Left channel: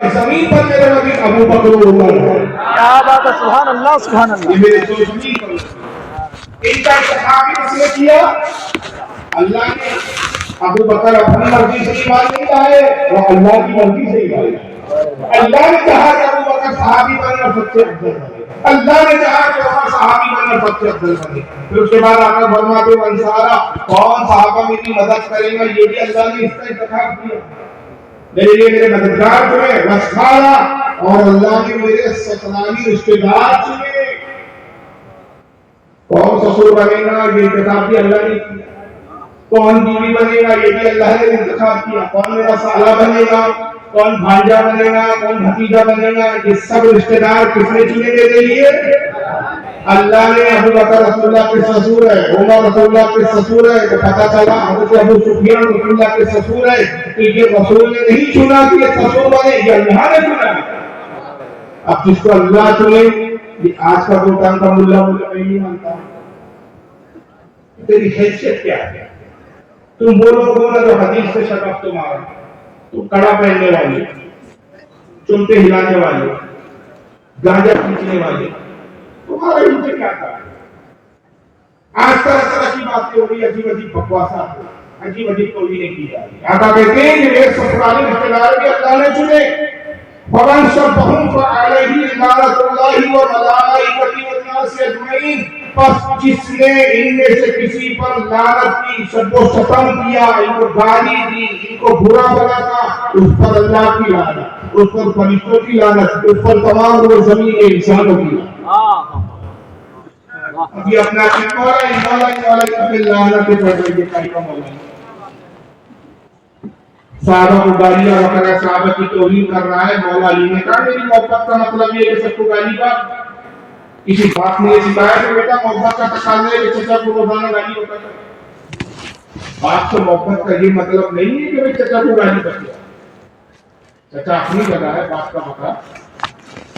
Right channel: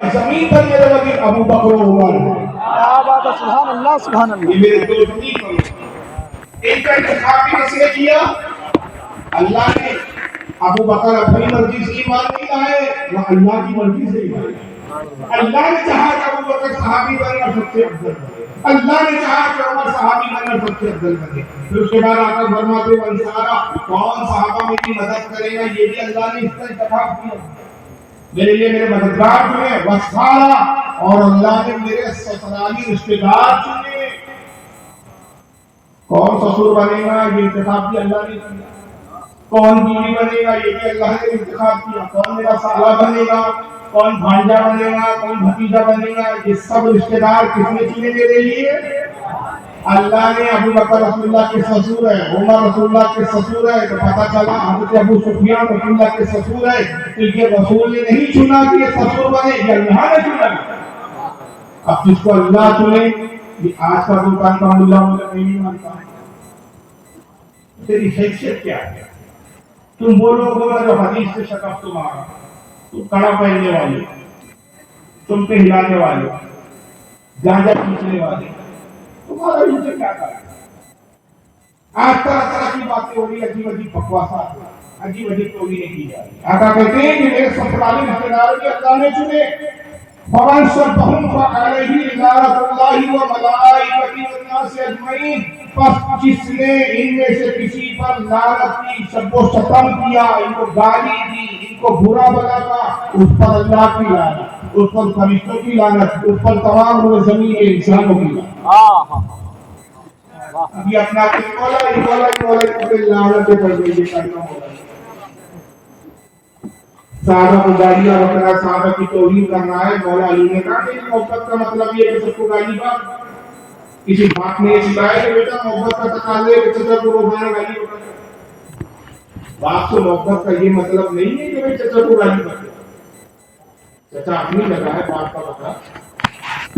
زمین پر میرے نبی ابو بکر و عمر ہے. کیا بات ہے، سبحان اللہ سبحان اللہ. یہ میرے دو زمین پر ان کا انتخاب کس نے کیا؟ اللہ نے. ابو بکر اپنی مرضی سے ایمان نہیں لائے، وہ اللہ کی مرضی سے ایمان لائے. اللہ نے چاہا کہ ابو بکر صحابی بنے اور سب سے افضل بنے. اللہ نے چاہا کہ عمر صحابی بنے اور سب سے افضل بنے. پھر اس کے بعد آقا فرماتے ہیں انصارا کون صحابہ میری مدد کرے گا، یہ بھی اللہ نے اس کا انتخاب کیا. میرے لیے میرے مددگار چنے وسخارا، اور اللہ نے میرے سسرالی رشتے دار چنے. کون سسر بنے گا یہ انتخاب بھی اللہ نے کیا. کون بیوی بنے گا یہ بھی اللہ نے انتخاب کیا. کون میرا سالہ بنے گا، کون بھانجا بنے گا، کون بھتیجا بنے گا، یہ سب رشتے دار کس نے چنے میرے لیے؟ اللہ نے. ابو بکر رسول اللہ کے سسر ہے، عمر رسول اللہ کے سسر ہے. تو پتہ چلا حضرت ابو سفیان رسول اللہ کے سسر ہے، تو یہ رسول نے نہیں چنا کہ یہ سسر بنے، یہ اللہ نے چنا. اب جس کو اللہ چنے، یہ آج کا دکان کا ملا مجھے نہیں مانتا. تیری حیثیت کیا ہے؟ تم وہ لوگ ہو جو حدیث سے شکف تمہارا، تم کڑا پہننے والے، چمٹے ہلانے والے، گانجا کھینچنے والے، تمہارا ان سے کیا تھا؟ آج طرح طرح کی باتیں ہو رہی، عجیب عجیب بکواسات، عجیب عجیب توہینیں کی جا رہی. آقا کہتے ہیں کہ ایک سسرالی رشتے دار بھی اللہ نے چنے. فمن شبہم فعلیہ لعنۃ اللہ وملائکتہ والناس اجمعین. پس جس نے ان میں سے کسی پر لعنت کی، شب و شتم کیا، ان کو گالی دی، ان کو برا بلا کہا، اس پر اللہ کی لعنت، اس پر فرشتوں کی لعنت، اس پر تمام روئے زمین کے انسانوں کی لعنت. ابھی اپنا مولا اپنے لعنت پہ پڑھ رہی ہے کلمہ مولا. صحابہ کو گالیاں وغیرہ صحابہ کی توہین کر رہا ہے. مولا علی نے کہا میری محبت کا مطلب یہ ہے کہ سب کو گالی کا. کسی باپ نے یہ سکھایا کہ بیٹا محبت کا تقاضا ہے کہ چچا کو روزانہ گالی ہوتا ہے. باپ سے محبت کا یہ مطلب نہیں ہے کہ چچا کو گالی کرتے. چچا اپنی جگہ ہے، باپ کا مطلب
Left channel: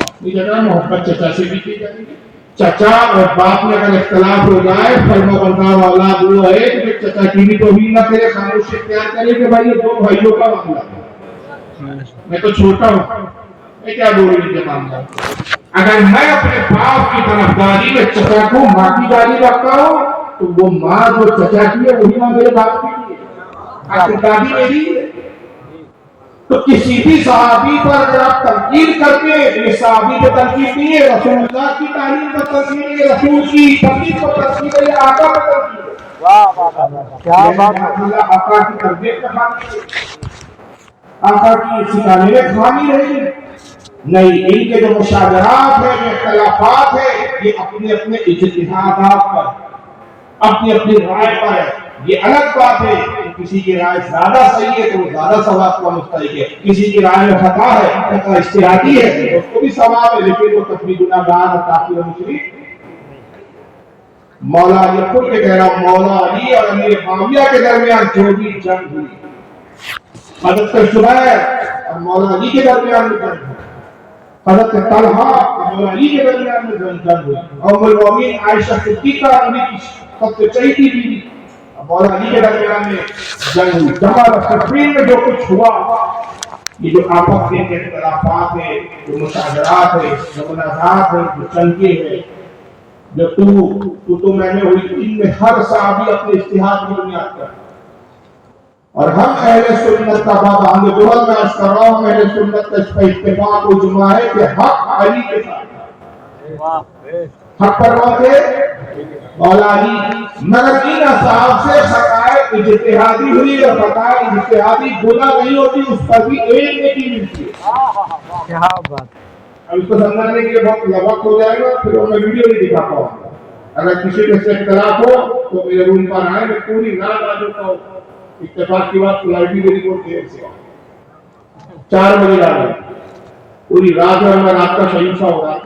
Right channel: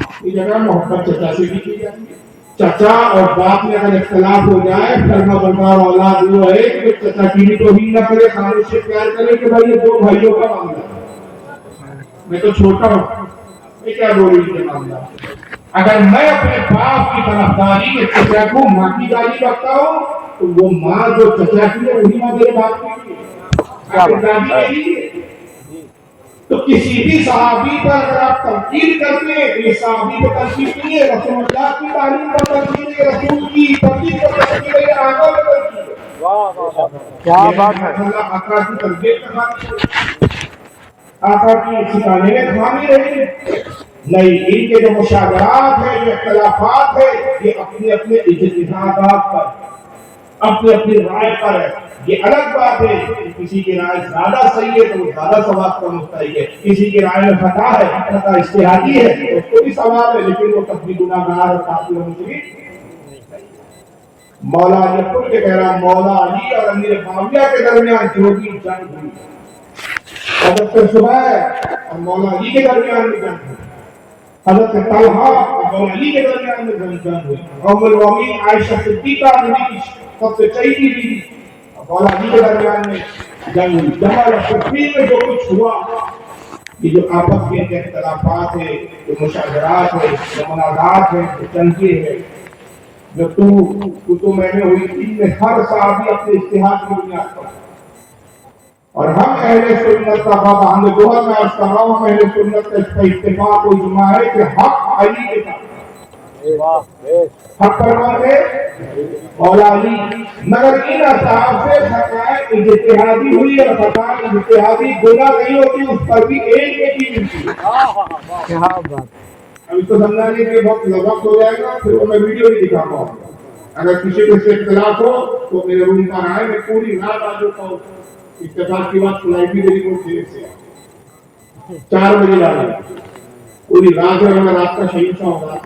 اپنی جگہ. محبت چچا سے بھی کی جائے گی. چچا اور باپ میں اگر اختلاف ہو جائے، فرما بردار اولاد وہ ہے کہ چچا کی بھی توہین نہ کرے، خاموش اختیار کرے کہ بھائی یہ دو بھائیوں کا معاملہ ہے، میں تو چھوٹا ہوں، میں کیا بول رہی ہے معاملہ. اگر میں اپنے باپ کی طرفداری میں چچا کو ماں کی گالی رکھتا ہوں، تو وہ ماں جو چچا کی ہے وہی ماں میرے باپ کی ہے. آخر دادی میری ہے. تو کسی بھی صحابی پر اگر آپ تنقید کرتے ہیں تو یہ صحابی پر تنقید نہیں ہے، رسول اللہ کی تعلیم پر تنقید ہے، رسول کی تربیت پر تنقید ہے، آقا پر تنقید ہے. کیا بات ہے. آقا کی تربیت کا خامی، آقا کی سکھانے میں خامی رہی نہیں. ان کے جو مشاجرات ہیں، جو اختلافات ہیں، یہ اپنے اپنے اجتہادات پر، اپنی اپنی رائے پر ہے. یہ الگ بات ہے کہ کسی کی رائے زیادہ صحیح ہے تو وہ زیادہ ثواب کا مستحق ہے، کسی کی رائے میں خطا ہے، خطا اجتہادی ہے، اس کو بھی ثواب ہے، لیکن وہ کبھی گناہگار اور کافر اور مشرک. مولا علی خود کے کہہ رہا، مولا علی اور امیر معاویہ کے درمیان جو بھی جنگ ہوئی، حضرت زبیر اور مولا علی کے درمیان میں جنگ ہوئی، حضرت طلحہ اور مولا علی کے درمیان میں جنگ ہوئی، ام المؤمنین عائشہ صدیقہ نبی کی سب سے چہیتی بیوی مولا علی کے درمیان میں جنگ ہوئی. جمال صفین میں جو کچھ ہوا، یہ جو آپس کے اختلافات ہیں، جو مشاجرات ہیں، جو منازعات ہیں، جو چنکے ہیں، جو تو میں نے ہوئی، ان میں ہر صحابی اپنے اجتہاد کی بنیاد پر. اور ہم اہل سنت کا باب ہم دوہر میں عرض کر رہا ہوں، اہل سنت کا اس پر اتفاق و اجماع ہے کہ حق علی کے ساتھ. حق پر کون تھے؟ مولا علی. مگر ان اصحاب سے خطائے اجتہادی ہوئی اور خطائے اجتہادی گناہ نہیں ہوتی، اس پر بھی ایک نیکی ملتی ہے. کیا بات. اب اس کو سمجھانے کے وقت وقت ہو جائے گا، پھر میں ویڈیو نہیں دکھا پاؤں گا. اگر کسی کے سے اختلاف ہو تو میرے روم پر آئے، میں پوری رات آ جاتا ہوں. اتفاق کی بات فلائٹ بھی میری بہت دیر سے 4 بجے لانا ہے، پوری رات میں ہمیں رات کا شہید سا ہوگا.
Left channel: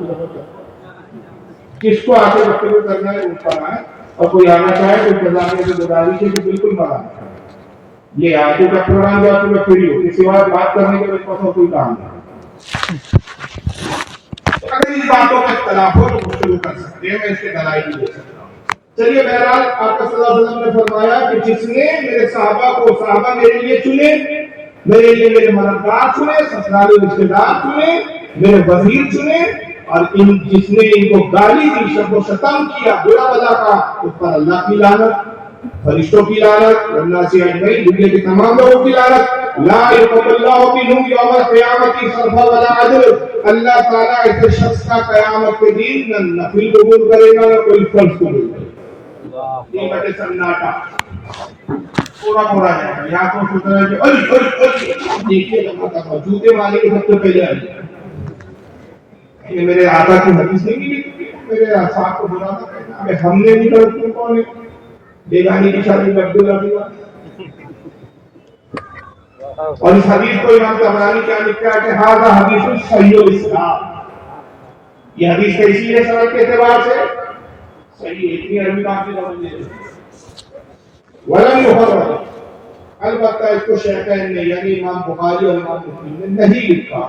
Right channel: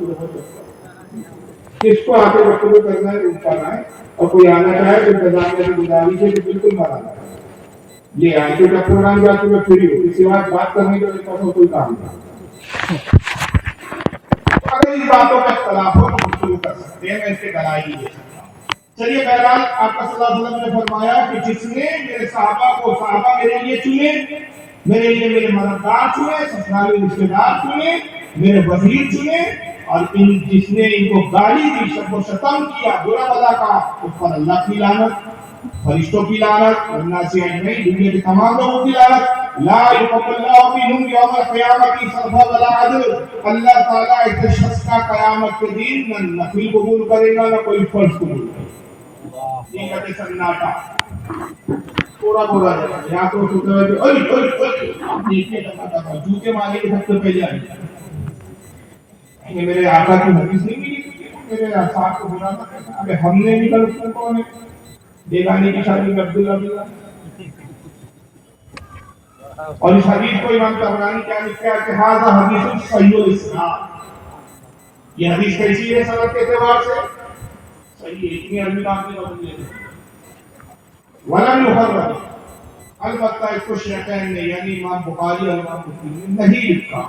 کس کو آتے وقت میں کرنا ہے روم پر آئے، اور کوئی آنا چاہے تو انتظامیہ کی گزارش ہے کہ بالکل مانا یہ آئے کا پروگرام جا کے میں فری ہوں، اس بات بات کرنے کے میرے پاس کوئی کام نہیں. اگر ان باتوں کا اختلاف ہو تو شروع کر سکتے ہیں، میں اس کے دلائل بھی دے سکتا ہوں. چلیے بہرحال آپ صلی اللہ علیہ وسلم نے فرمایا کہ جس نے میرے صحابہ کو، صحابہ میرے لیے چنے، میرے لیے میرے مددگار چنے، سسرالی رشتے دار چنے، میرے وزیر چنے، اور جس نے ان کو گالی دی، شب و شتم کیا، برا بلا کہا، اس پر اللہ کی لعنت، فرشتوں کی لعنت، والناس اجمعین، دنیا کے تمام لوگوں کی لعنت۔ لا يقبل اللہ منہم یوم القیامت صرفا ولا عدل، اللہ تعالیٰ ایسے شخص کا قیامت کے دن نہ نفل قبول کرے گا نہ کوئی فرض قبول کرے گا۔ یہ کہتے سناٹا پورا پورا جائے گا، یا تو سوچ رہا ہے کہ دیکھیے جوتے مارے کے سب سے پہلے آئیے، میرے آقا کی حدیث نہیں کی، میرے صاحب کو بلانا پڑنا، ابے ہم نے نہیں کرتے کون ہے، بیگانی کی شادی میں عبداللہ بھی ہوا۔ اور اس حدیث کو امام طبرانی کیا لکھا ہے کہ ھذا حدیث صحیح الاسناد، یہ حدیث کیسی ہے سند کے اعتبار سے صحیح ہے، اتنی عربی میں آپ نے نوٹ دے دی۔ ولم يخرج، البتہ اس کو شیخین نے یعنی امام بخاری اور امام مسلم نے نہیں لکھا،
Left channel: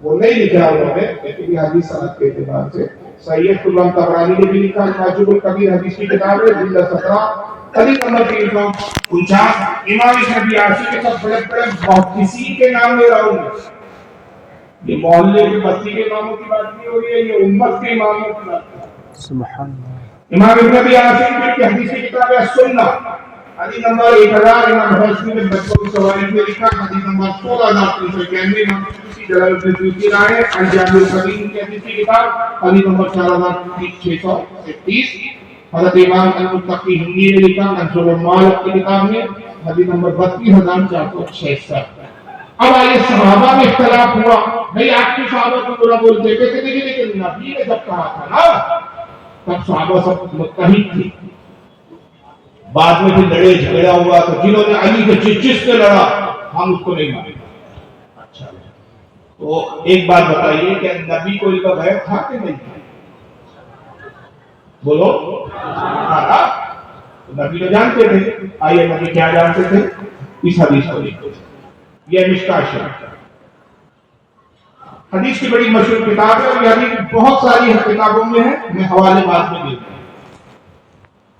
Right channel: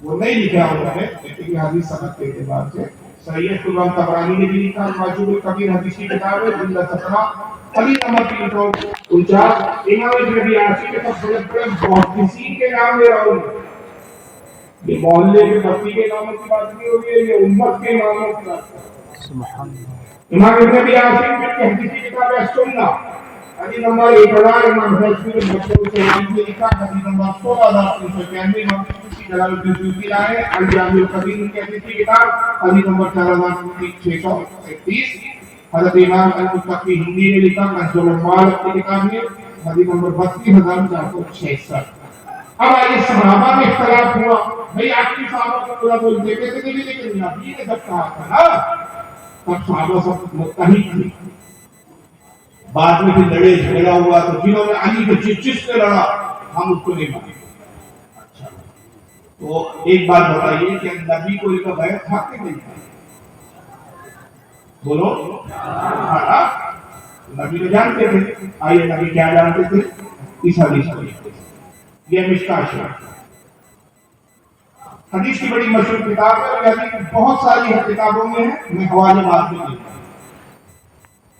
وہ نہیں لکھا انہوں نے، لیکن یہ حدیث سند کے اعتبار سے صحیح ہے۔ امام طبرانی نے بھی لکھا، المعجم الکبیر حدیث کی کتاب ہے، جلد 17 حدیث نمبر 349۔ امام ابن عاصی کے سب بڑے بڑے محدثین کے نام لے رہا ہوں، یہ محلے کے بستی کے ناموں کی بات نہیں ہو رہی ہے، یہ امت کے اماموں کی بات ہے۔ سبحان اللہ۔ امام ابن عاصی کی حدیث کی کتاب ہے سنہ، حدیث نمبر 1000، امام حسن بن بچوں میں لکھا، حدیث نمبر 16391، امام جلال الدین سیوطی لائے الجامع القدیم کی حدیث کی کتاب، حدیث نمبر 4631۔ حضرت امام المتقی ہندی نے لکھا منصور المالک کی کتاب میں، حدیث نمبر 32466۔ اب آئیے صحابہ میں اختلاف ہوا، بھئی آپ کی صحابہ کو برا بولتے کہتے تھے، لیکن نبی نے جب کہا تھا نا تب صحابہ سب متحد تھے۔ بعد میں پھر لڑے جھگڑا ہوا تو جنہوں نے علی کے جس سے لڑا ہم اس کو نہیں مانیں گے۔ اچھا تو ایک بات بتائیے کہ نبی کو ان کا بیعت تھا کہ نہیں تھا؟ بولو تھا، نبی تو جانتے تھے۔ آئیے نبی کیا جانتے تھے، اس حدیث کو دیکھتے تھے۔ یہ مشکاۃ شریف حدیث کی بڑی مشہور کتاب ہے، اور یہ حدیث بہت ساری کتابوں میں ہے، میں حوالے بعد میں دیتا ہوں،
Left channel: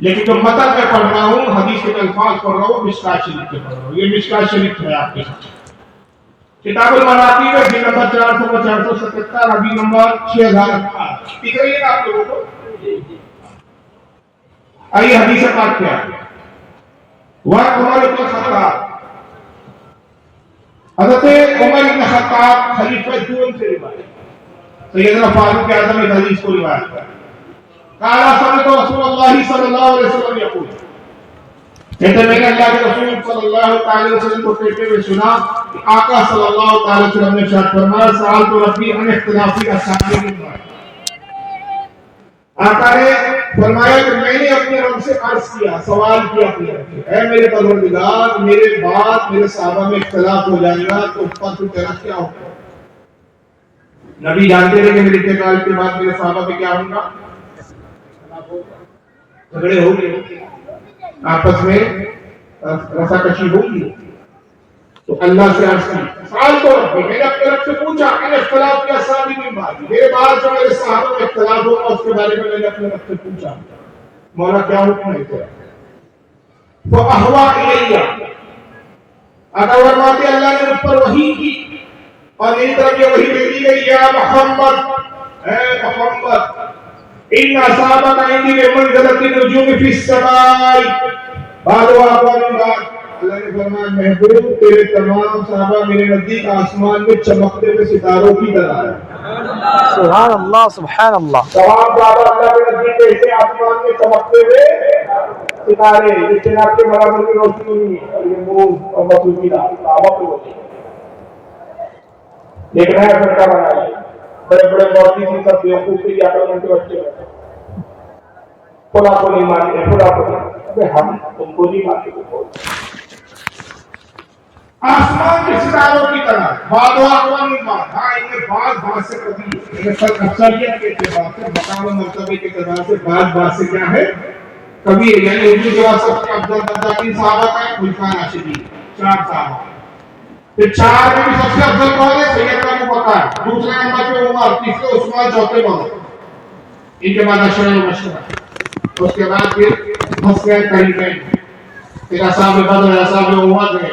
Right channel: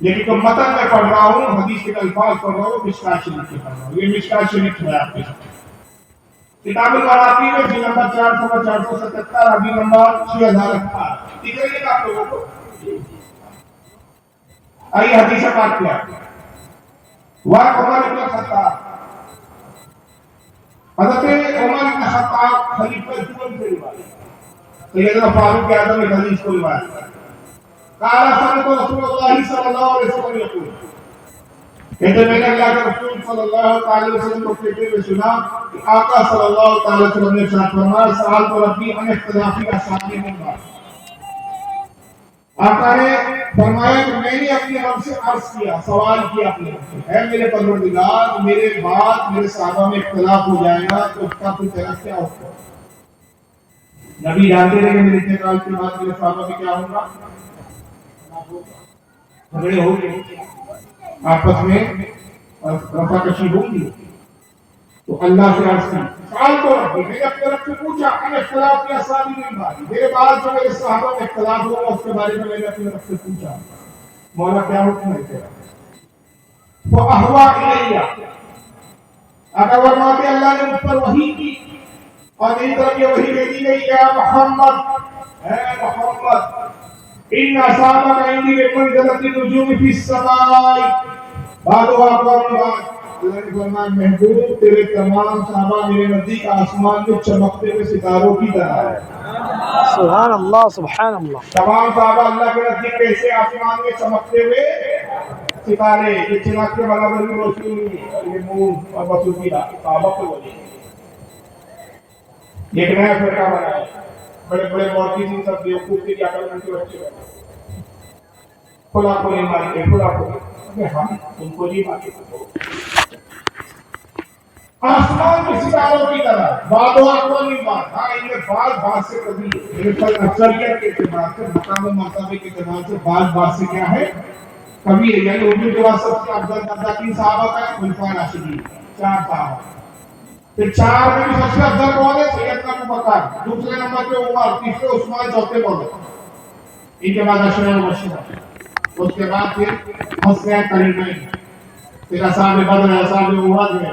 لیکن جو متن میں پڑھ رہا ہوں، حدیث کے الفاظ پڑھ رہا ہوں، مشکاۃ شریف کے پڑھ رہا ہوں۔ یہ مشکاۃ شریف ہے آپ کے ساتھ، کتاب المراتب ہے، جلد نمبر 400-477، حدیث نمبر 6018۔ دکھ رہی ہے آپ لوگوں کو؟ آئیے حدیث پاک کیا ہے۔ وعن عمر بن الخطاب، حضرت عمر بن خطاب خلیفہ دوم سے روایت، سیدنا فاروق اعظم اس حدیث کو روایت کرتے ہیں۔ قال سمعت رسول اللہ صلی اللہ علیہ وسلم یقول، کہتے میں نے اللہ کے رسول صلی اللہ علیہ وسلم کو کہتے ہوئے سنا کہ آقا صلی اللہ علیہ وسلم نے ارشاد فرمایا، سألت ربی عن اختلاف اصحاب النار، آقا نے فرمایا کہ میں نے اپنے رب سے عرض کیا، سوال کیا اپنے رب سے، اے میرے پروردگار، میرے بعد میرے صحابہ میں اختلاف ہو جائے گا تو اس کا تو تیرا کیا ہوگا؟ نبی جانتے رہے کہ میرے انتقال کے بعد میرے صحابہ میں کیا ہوگا؟ جھگڑے ہوں گے، آپس میں رفع کشی ہوگی۔ تو اللہ سے عرض کی، سوال تو رب، میں نے اپنے رب سے پوچھا ان اختلاف کے اصحاب من بعد، میرے بعد جو میرے صحابہ میں اختلاف ہوگا اس کے بارے میں نے اپنے رب سے پوچھا، مولا کیا حکم ہے تیرا؟ فاہوا الیہ، آقا فرماتے اللہ نے مجھ پر وحی کی اور میری طرف یہ وحی بھیجی گئی، یا محمد، اے محمد، ان اصحابک عندی بمنزلۃ النجوم فی السماء، بعضها اقوام بعض، اللہ نے فرمایا محبوب تیرے تمام صحابہ میرے نزدیک آسمان میں چمکتے ہوئے ستاروں کی طرح ہے۔ سبحان اللہ، سبحان اللہ۔ تمام صحابہ اللہ کے نزدیک ایسے آسمان میں چمکتے ہوئے ستارے، یہ چناب کے برابر کی روشنی اور یہ نور اور مصروفیہ صحابہ کو ہوتی ہے۔ ایک نیا فرقہ بنایا، بڑے بڑے مورتی سے سب بیوقوف کے لیے عقل مند کے بچے ہیں، خدا کو نہیں مانتے، خدا کو نہیں، ابے ہم تم کو نہیں مانتے، آسمان کے ستاروں کی طرح، بعض اقوام بعض، ہاں ان میں بعض سے کبھی اکثریت کے اعتبار سے، مقام و مرتبے کے اعتبار سے بعض سے کیا ہے کبھی ہے، یعنی اردو کے بعد سب سے افضل درجہ تین صحابہ کا ہے، خلفائے راشدین 4 صحابہ، پھر 4 میں بھی سب سے افضل کون ہے؟ سیدنا ابوبکر، دوسرے نمبر پہ عمر، تیسرے عثمان، چوتھے مولا، ان کے بعد اشرا مبشرہ، اس کے بعد پھر حسین طیبین، پھر اصحاب بدر، اصحاب احد ہے،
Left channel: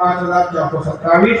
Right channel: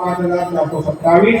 5427,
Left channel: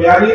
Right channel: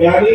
42,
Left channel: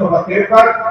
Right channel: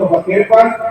253,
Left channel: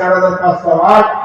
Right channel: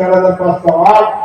4508,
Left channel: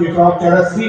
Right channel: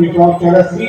684,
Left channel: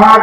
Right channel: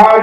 8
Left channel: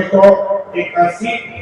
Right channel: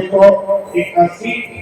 181,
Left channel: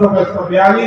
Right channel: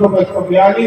242,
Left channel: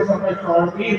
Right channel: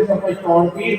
138,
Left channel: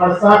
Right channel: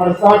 68,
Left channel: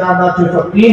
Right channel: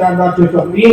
4603,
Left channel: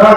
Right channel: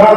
10,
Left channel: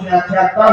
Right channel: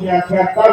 76,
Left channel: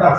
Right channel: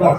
10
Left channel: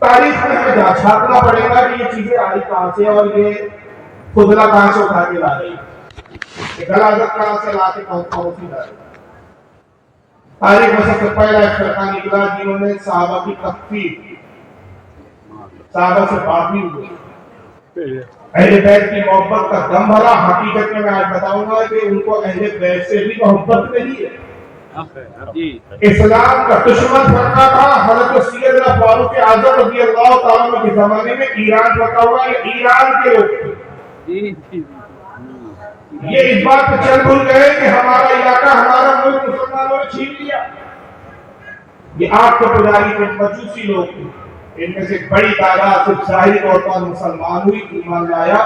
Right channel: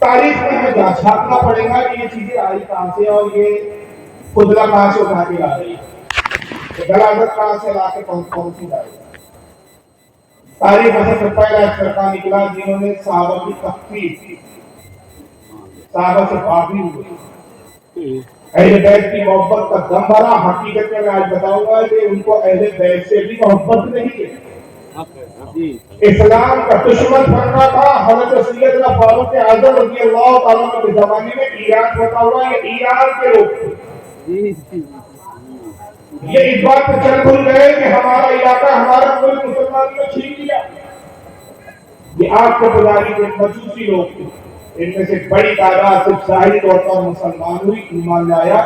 تاریخ میں ہمیں چھاپنا پڑے گا کہ یہ چیزیں آئی کہاں سے اور یہ خدلا کہاں سے اٹھا کے لا رہی ہے، غلاظت کہاں سے لا کے پہنچی لا رہی ہے۔ تاریخ میں سب سے پہلا ایک فرقہ نکلا جنہوں نے صحابہ کی تکفیر کی، صحابہ سے باغی ہوئے، اہل بیت کی محبت کا دم بھرا۔ حقیقت میں آج بتاؤں گا کہ ان کو اہل بیت سے بھی محبت نہیں ہے۔ اسلام کا دشمن فرقہ تھا حضرت سیدنا فاروق اعظم رضی اللہ تعالیٰ عنہ کے زمانے میں، ایران بتا ہوا ہے، ایران کے لوگ تھے۔ یہ اس بات پہ چل بھول گئے کہ ہمارا علاقہ، ہمارا ملک مسلمانوں نے چھین لیا۔ یہ آگ کو پجاری کے مجوسی لوگ تھے، ان میں سے بڑی تعداد صرف ظاہری طور پر مسلمان ہوئی، ایمان لایا،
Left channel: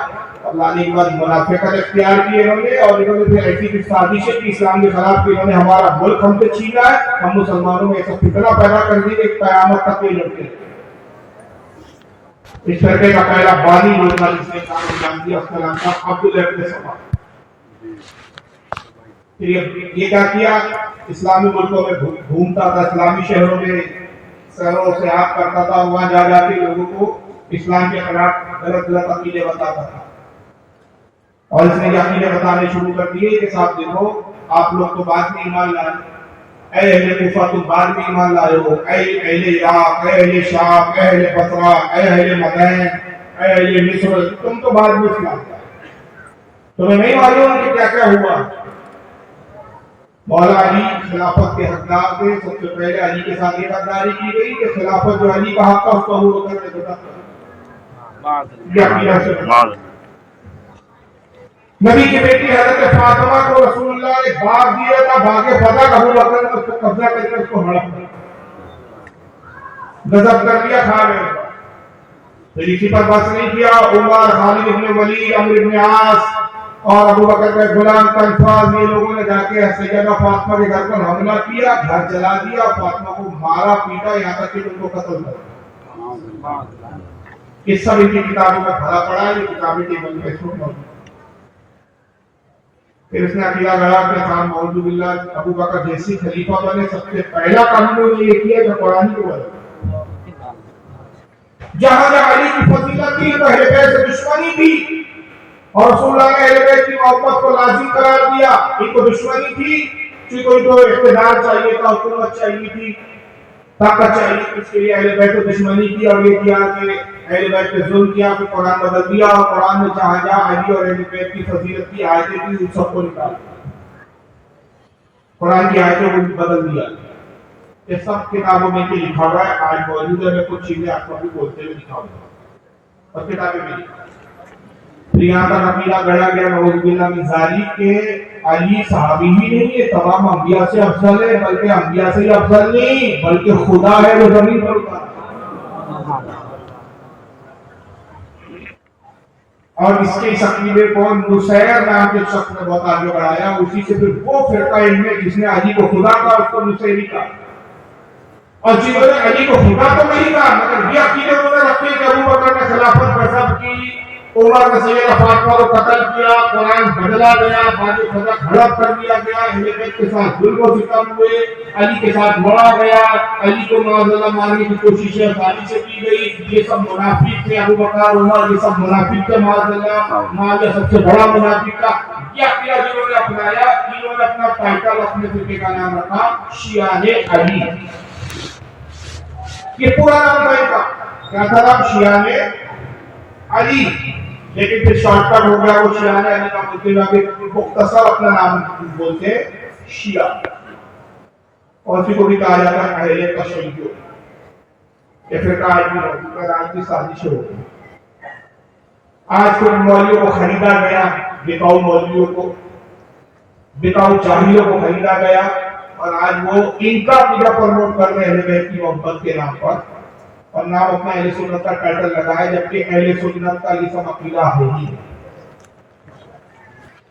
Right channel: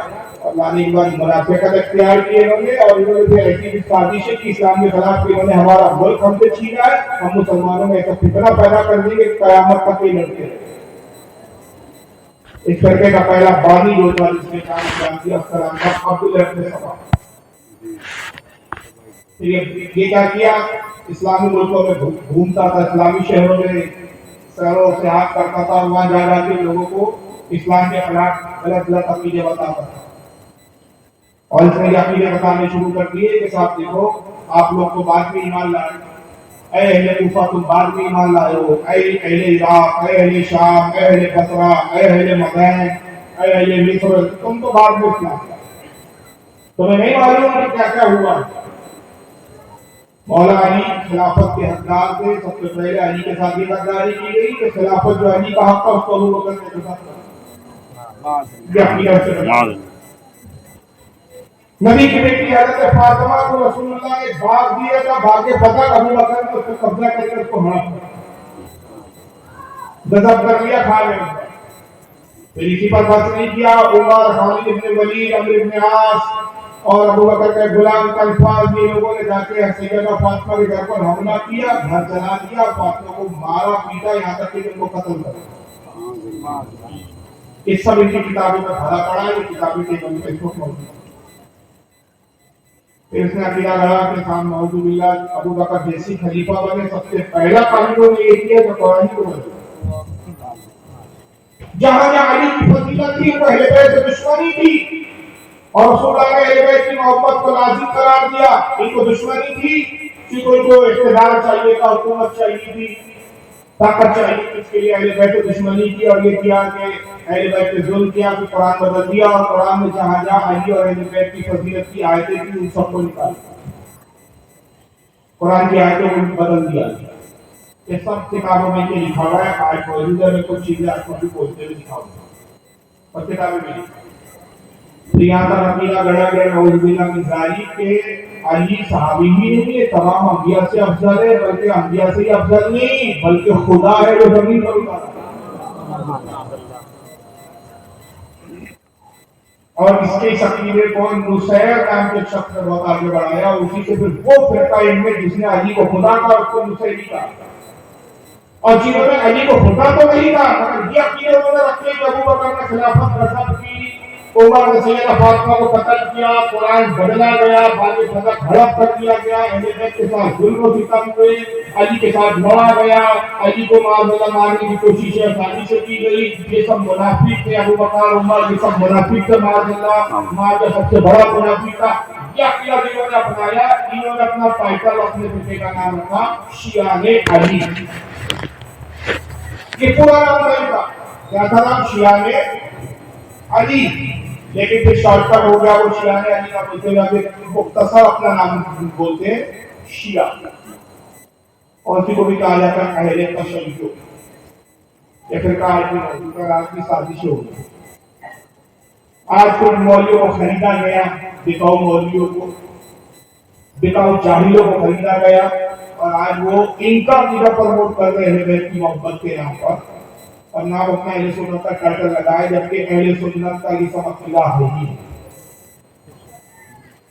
اللہ نے ایک بار منافقت اختیار کی انہوں نے، اور انہوں نے پھر ایسی بھی سازشیں کی اسلام کے خلاف کہ انہوں نے ہمارا ملک ہم سے چھینا ہے، ہم مسلمانوں میں ایسا فتنہ پیدا کر دی کہ قیامت تک نہیں لڑتے ہیں۔ اس فرقے کا پہلا بانی جو تھا جس نے کام انجام دیا السلام کا عبداللہ ابن سبا۔ پھر یہ کیا کیا، اسلامی ملکوں میں گھومتا تھا، اسلامی شہروں میں سیرو سیاحت کرتا تھا، وہاں جا جا کے لوگوں کو اسلام کے خلاف غلط غلط عقیدے بتاتا تھا، اور اس نے یہ عقیدے بتانے شروع کر دیے کہ صاحب دیکھو آپ لوگ تو بعد میں ایمان لائے، اے اہل کوفہ تم بعد میں ایمان لائے ہو، اے اہل عراق، اے اہل شام، اے اہل بصرہ، اے اہل مدین، اے اہل مصر، تم تو بعد میں اسلام لائے، تمہیں نہیں معلوم کہ کیا کیا ہوا۔ مولا علی خلافت کے حقدار تھے، سب سے پہلے علی کے ساتھ یہ غداری کی گئی کہ خلافت جو علی کا حق تھا اس کو ابو بکر نے گزر کیا۔ نبی کی بیٹی حضرت فاطمہ کو رسول اللہ نے باغ دیا تھا، باغ فتح، ابو بکر نے اس پر قبضہ کر کے اس کو ہڑپ غضب کر لیا، کھا گئے۔ پھر اسی پر بس نہیں کیا، عمر، خالد بن ولید، عمرو بن عاص اور ابو بکر کے غلام کنفاز، یہ لوگوں نے جا کے سیدہ فاطمہ کے گھر پر حملہ کیا، گھر جلا دیا، فاطمہ کو مارا پیٹا یہاں تک کہ ان کو قتل کر دیا۔ یہ سب ان کی کتابوں میں بھرا پڑا ہے، یہ کتابیں ٹیبل پہ اس وقت موجود ہیں۔ پھر اس نے عقیدہ لگا کہ خان نعوذ باللہ ابو بکر جیسی خلیفہ بنے، سب سے پہلا کام انہوں نے یہ کیا کہ قرآن کو بدلا۔ جہاں جہاں علی کی فضیلت تھی تو اہل بیت سے دشمنی تھی، اور رسول اللہ نے اہل بیت کی محبت کو لازم قرار دیا۔ ان کو دشمنی تھی کہ کوئی تو اقتدار چاہیے تھا، حکومت چاہیے تھی، طاقت چاہیے تھی، اس کے لیے اہل بیت کو دشمنی کی، اور یہ کیا کہ اہل بیت پہ ظلم کیا، کہ قرآن بدل دیا، اور قرآن میں جہاں جہاں علی اور اہل بیت کی فضیلت کی آیتیں تھیں ان سب کو نکال دیا، قرآن کی آیتوں کو بدل دیا۔ یہ سب کتابوں میں یہ لکھا ہوا ہے، آج موجود ہے، میں کچھ چیزیں آپ کو بھی بولتے ہوئے دکھاؤں گا اور کتابیں میں لکھا۔ یہاں پر عقیدہ گڑھا گیا نعوذ باللہ من ذالک کہ علی صحابی ہی نہیں ہے، تمام انبیاء سے افضل ہے، بلکہ انبیاء سے ہی افضل نہیں بلکہ خدا ہے جو زمین پر اترا۔ اور اس کے عقیدے کو نصیر نام کے شخص نے بہت آگے بڑھایا، اسی سے پھر وہ فرقہ ان میں جس نے علی کو خدا کہا اس کو نصیری کہا، اور جنہوں نے علی کو خدا تو نہیں کہا مگر یہ عقیدے انہوں نے رکھے کہ ابو بکر نے خلافت غصب کی، عمر نے سیدہ فاطمہ کو قتل کیا، قرآن بدلا گیا، بعد فتح ہڑپ کر دیا گیا، اہل بیت کے ساتھ ظلم و ستم ہوئے، علی کے ساتھ مارا گیا، علی کو معاذ اللہ مارنے کی کوششیں آسانی سے کی گئی، یہ سب منافق تھے، ابو بکر عمر یہ سب منافق تھے، معاذ اللہ معاذ سب سے بڑا منافق تھا۔ یہ عقیدہ جنہوں نے اپنایا، انہوں نے اپنا ٹائٹل اپنے فرقے کا نام رکھا شیعہ علی۔ یہ پورا نام نہیں تھا، کیا تھا نام؟ شیعہ علی، لیکن پھر شارٹ کٹ ہو گیا، وہ شیعہ علی کا بولتے ہوئے مختصر اپنا نام بولتے ہیں شیعہ، اور اسی کو بھی کہا جاتا ہے اہل تشیع۔ یہ فرقہ آج بھی موجود ہے، آج کی سازشیں ہو گئی۔ آج کو مولویوں کو خریدا گیا، بکاؤ مولویوں کو، بکاؤ جاہلیوں کو خریدا گیا، اور آج وہ ان کا عقیدہ پروموٹ کر رہے ہیں بیت کی محبت کے نام پر، اور نام اپنا اہل سنت کا ٹائٹل لگائے، جبکہ اہل سنت کا یہ سب عقیدہ ہے ہی۔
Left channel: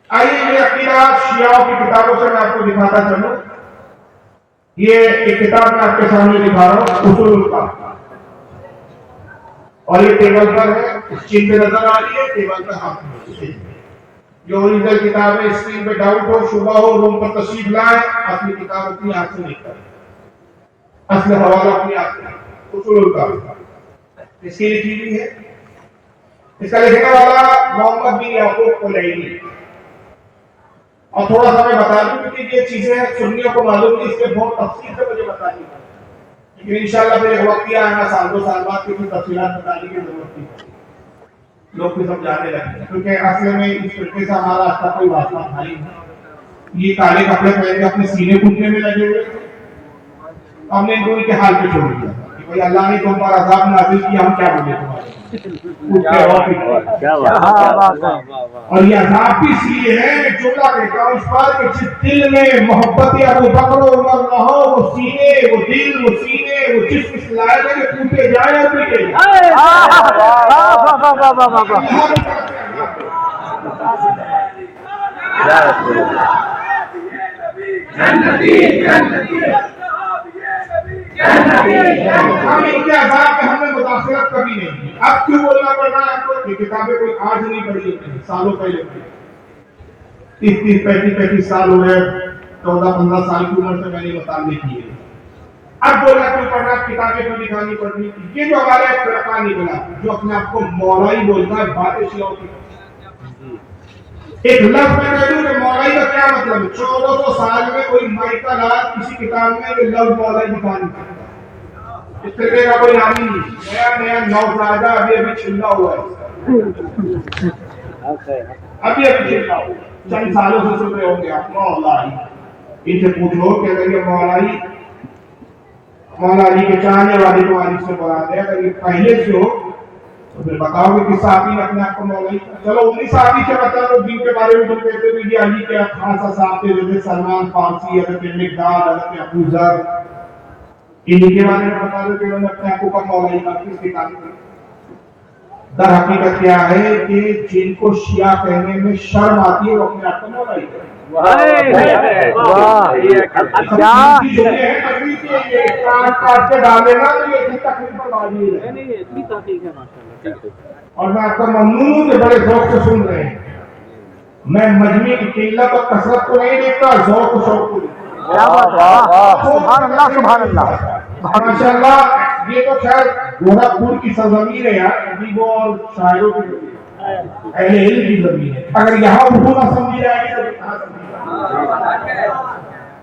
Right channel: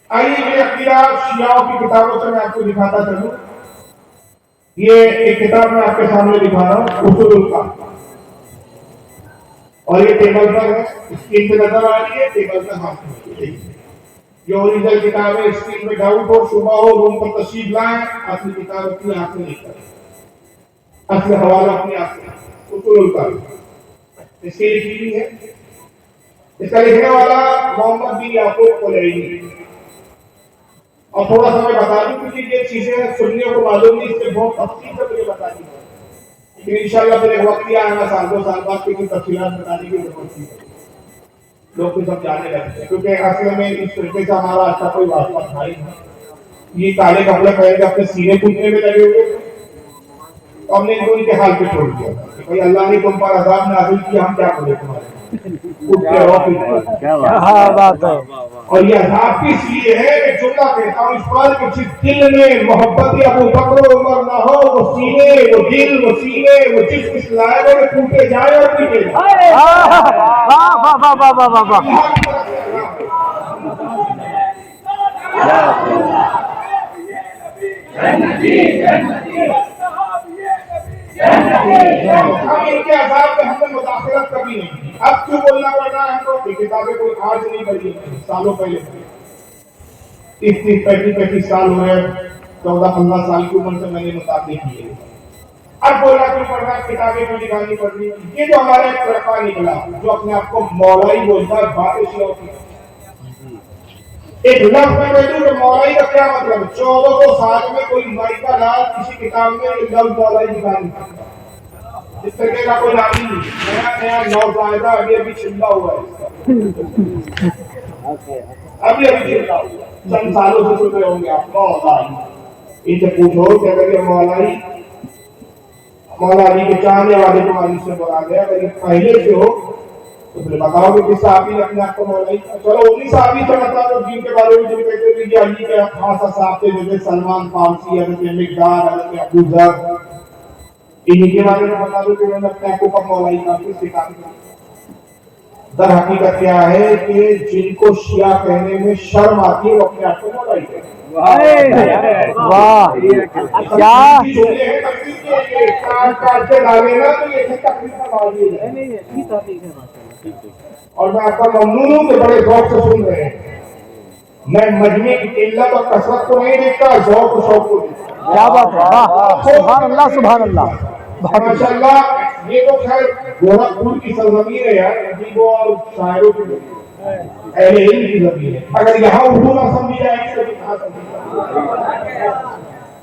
آئیے یہ عقیدہ شیعوں کی کتابوں سے میں آپ کو دکھاتا چلوں۔ یہ ایک کتاب میں آپ کے سامنے دکھا رہا ہوں، اصول الکافی، اور یہ ٹیبل پر ہے، اسکرین پہ نظر آ رہی ہے، ٹیبل پر ہاتھ میں یہ اوریجنل کتاب ہے۔ اسکرین پہ ڈاؤٹ ہو، شبہ ہو، روم پر تشریف لائیں، اپنی کتاب اپنی ہاتھ سے لکھ کر، اصل حوالہ اپنی ہاتھ سے، اصول الکافی۔ اس کی لکھی ہوئی ہے. اس کا لکھنے والا محمد بن یعقوب کلیلی. اور تھوڑا سا میں بتا دوں کیونکہ یہ چیزیں سنیوں کو معلوم نہیں، اس کے بہت تفصیل سے مجھے بتا دی. لیکن انشاءاللہ پھر ایک وقت آئے گا سال 2 سال بعد کی تفصیلات بتانے کی ضرورت نہیں ہے. لوگ بھی سب جانے لگتے ہیں کیونکہ اصل میں اس فرقے سے ہمارا اچھا کوئی واسطہ تھا ہی نہیں. یہ کالے کپڑے پہن کے اپنے سینے کودنے میں لگے ہوئے تھے. تو ہم نے ان کو ان کے حال پہ چھوڑ دیا کہ بھائی اللہ نے تم پر عذاب نازل کیا، ہم کیا بولے تمہارے. کیا بات ہے. اور یہ عذاب بھی اس لیے ہے میں جملہ کہتا ہوں اس پر کہ جس دل میں محبت ابو بکر و عمر نہ ہو، وہ سینے، وہ دل، وہ سینے، وہ جسم اس لائق ہے کہ ٹوٹے جائے اور ٹوٹے جائے. ہم ان کے عذاب میں ہم نے مداخلت کبھی نہیں کی. اب کیوں بولنا پڑ رہا ہے؟ تو یہ کتابیں کوئی آج نہیں پڑھی تھی، سالوں پہلے 30 35 سال ہوئے، 14 15 سال کی عمر سے میں نے مطالعے کیے. اب بولنا کیوں پڑ رہا ہے؟ کتابیں کیوں نکالنی پڑ رہی؟ یہ جو ہمارا ایک فرقہ نکلا جو اپنے آپ کو مولائی بولتا ہے، باتیں شیعوں کی. ایک لفظ میں کہہ دوں کہ مولائی کا کیا مطلب ہے؟ 1400 سال میں کوئی مائکا لال کسی کتاب میں یہ لفظ مولائی دکھا نہیں سکتا. اس طرح کا کوئی نام ہی نہیں. نیا نیا نوزائیدہ ابھی چھلا ہوا ہے. ابھی چھلا ہوا چند سالوں سے سن رہے ہوں گے آپ مولائی. ان سے پوچھو کہ اگر یہ مولائی مولا علی کے چاہنے والے کو علی سے مراد ہے، اگر یہ پہلے سے ہو تو پھر بتاؤ کہ کس صحابی نے اپنے آپ کو مولائی. چلو انہی صحابی سے بتا دو دین کے بارے میں جو کہتے تھے کہ علی کے خاص صاحب تھے جیسے سلمان فارسی، حضرت مقدار، حضرت ابو ذر. انہی کے بارے میں بتا دو کہ انہوں نے اپنے آپ کو مولائی کا کس دکھا دیا. در حقیقت کیا ہے کہ جن کو شیعہ کہنے میں شرم آتی ہے وہ اپنے آپ کو مولائی کہتے ہیں. واہ کیا اور میں آپ کا ممنون ہوں کہ بڑے ذوق سے سن رہے ہیں. میں مجمع کی قلت اور کثرت کو نہیں دیکھتا، ذوق و شوق کو دیکھتا. کیا بات ہے. واہ سبحان اللہ سبحان اللہ. ماشاءاللہ یہ تو خیر گورکھپور کی سرزمین ہے یار، ادیبوں اور شاعروں کی اہل علم کی زمین ہے. اگر یہاں اردو نہ سمجھی جائے گی تو کہاں سمجھی جائے گی؟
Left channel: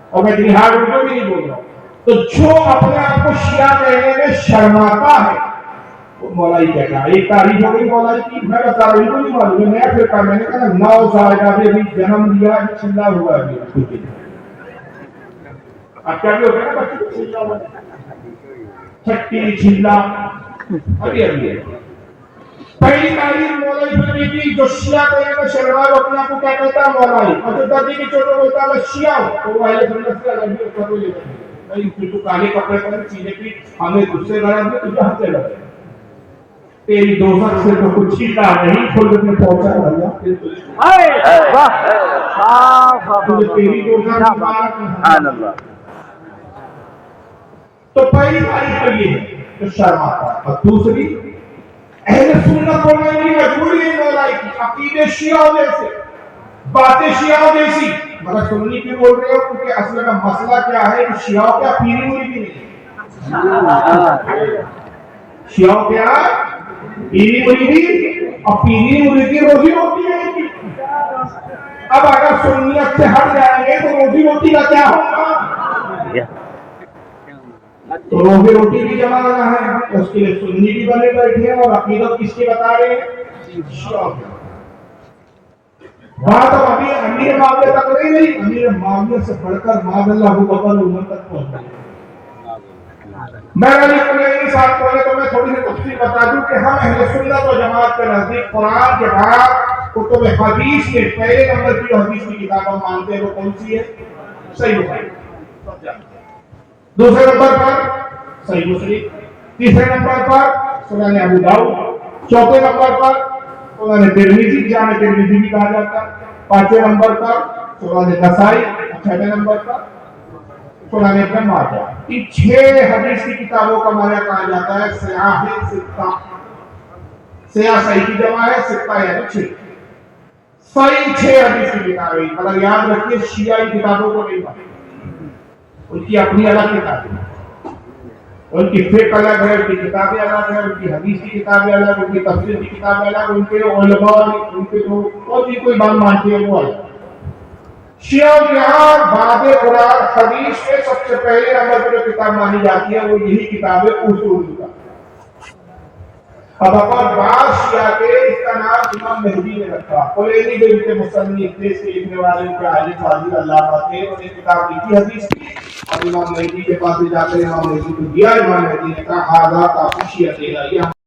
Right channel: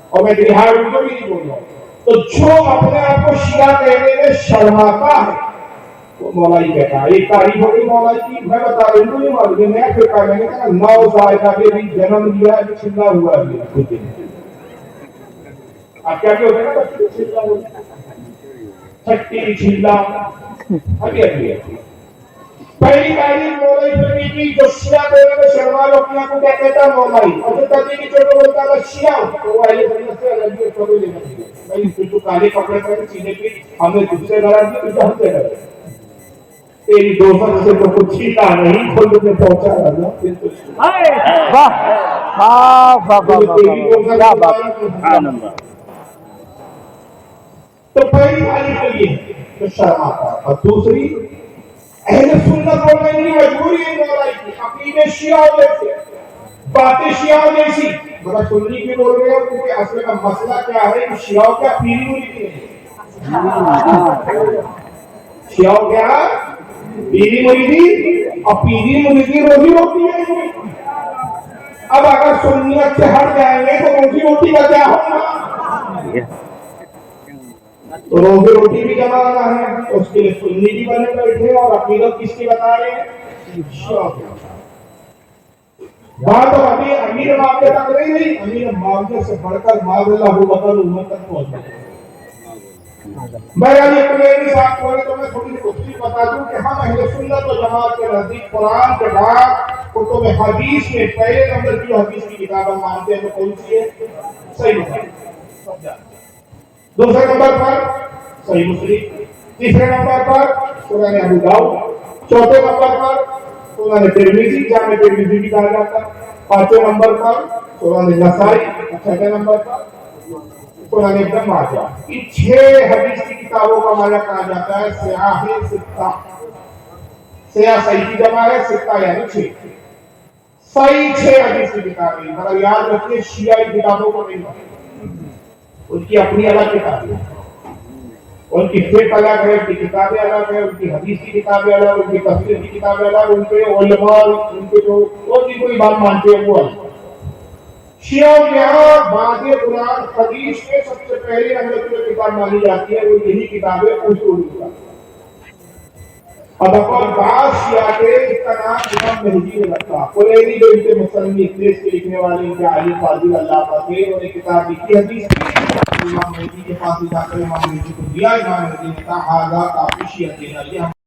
اور میں بہار اردو بھی نہیں بول رہا ہوں. تو جو اپنے آپ کو شیعہ کہنے میں شرماتا ہے وہ مولائی کہتا ہے. ایک تاریخ ہو گئی مولائی کی، میں بتا رہا ہوں ان کو نہیں معلوم. نیا فرقہ میں نے کہا نوزائیدہ بھی جنم لیا ہے، چھلا ہوا ہے. اب کیا بھی ہوتا ہے نا بچے کو چھلا ہوا ہے، چھٹی چھلا ابھی ابھی. پہلی تاریخ مولائی فرمی کی جو شیعہ کہنے میں شرمال اپنے آپ کو کیا کہتا ہے مولائی. اور جو تردی کی چھوٹے بولتا ہے شیعہ تو وہ اہل سنت سے الگ اس کو لے جاتی ہے. بھائی پھر تو کالے کپڑے پہنے چیزیں کی ہمیں تجھ سے غرض نہیں، تجھے ہم سے غرض ہے. تیری دوست سے تو کچھ چھیتا نہیں، خود میں پہنچا رہا پھر تو واہ کیا بات. سبحان اللہ. تو پہلی تاریخ تو یہ ہے جو شرم آتا ہے. اور دوسری اہل سنت بولنے کی مجبوری ہے مولائی کی. عقیدے شیعہ جیسے، باتیں شیعہ جیسی. مگر سنی کیوں بول رہے ہو؟ کیونکہ اصل کا مسئلہ کیا ہے کہ شیعہ کیا پیری مریدی نہیں. شیعہ کیا پیری مریدی، اور پیری مریدی روزی روٹی ہے. اب اگر سنیت سے ہٹ جائیں گے تو روزی روٹی کا کیا ہوگا؟ تو روزی روٹی بھی جمع رہنا ہے، اس کے لیے سنی بھی بنے بیٹھے. اور عقیدت کس کی بتا رہے ہیں؟ بات اب ابھی امیر معاملے تک نہیں، امیر معاملے سے بڑھ کر معاذ اللہ بکر امت تک پہنچ گئے. میں اپنے ساتھ پڑھے تو میں تھوڑی سی تفصیل بتا دوں کہ ہم اہل سنت و جماعت کے نزدیک قرآن کے بعد کتب حدیث کے پہلے نمبر کی جو حدیث کی کتاب ہم مانتے ہیں وہ کون سی ہے؟ صحیح بخاری. دوسرے نمبر پر صحیح مسلم. تیسرے نمبر پر سنن ابو داؤد. چوتھے نمبر پر سنن ترمذی، جامع ترمذی بھی کہا جاتا ہے. پانچویں نمبر پر سنن نسائی. چھٹے نمبر پر سنن ابن ماجہ. ان 6 حدیث کی کتابوں کا معنی کہا جاتا ہے سیاہ ستہ. سیاہ صحیح کی جمع ہے، ستہ یعنی 6. صحیح 6 حدیث کی کتابیں. مگر یاد رکھیے شیعہ ان کتابوں کو نہیں مانتے، ان کی اپنی الگ کتابیں. ان کی فقہ الگ ہے، ان کی کتابیں الگ ہیں، ان کی حدیث کی کتابیں الگ، ان کی تفسیر کی کتابیں الگ، ان کے علماء ان کے جو کوئی امام مانتے ہیں وہ الگ۔ شیعوں کے یہاں بعد قرآن حدیث میں سب سے پہلے نمبر پر جو کتاب مانی جاتی ہے وہ یہی کتاب ہے اصول کا۔ اب اپر بعض شیعہ کے اس کا نام امام مہدی نے رکھا، کلینی جو ان کے مصنف تھے، اس کے لکھنے والے ان کے عالم فاضل علامہ تھے، انہوں نے کتاب لکھی حدیث کی، اور امام مہدی کے پاس جا کر امام مہدی کو دیا، امام مہدی نے کہا آزاد آپ شیعہ دینا، یہ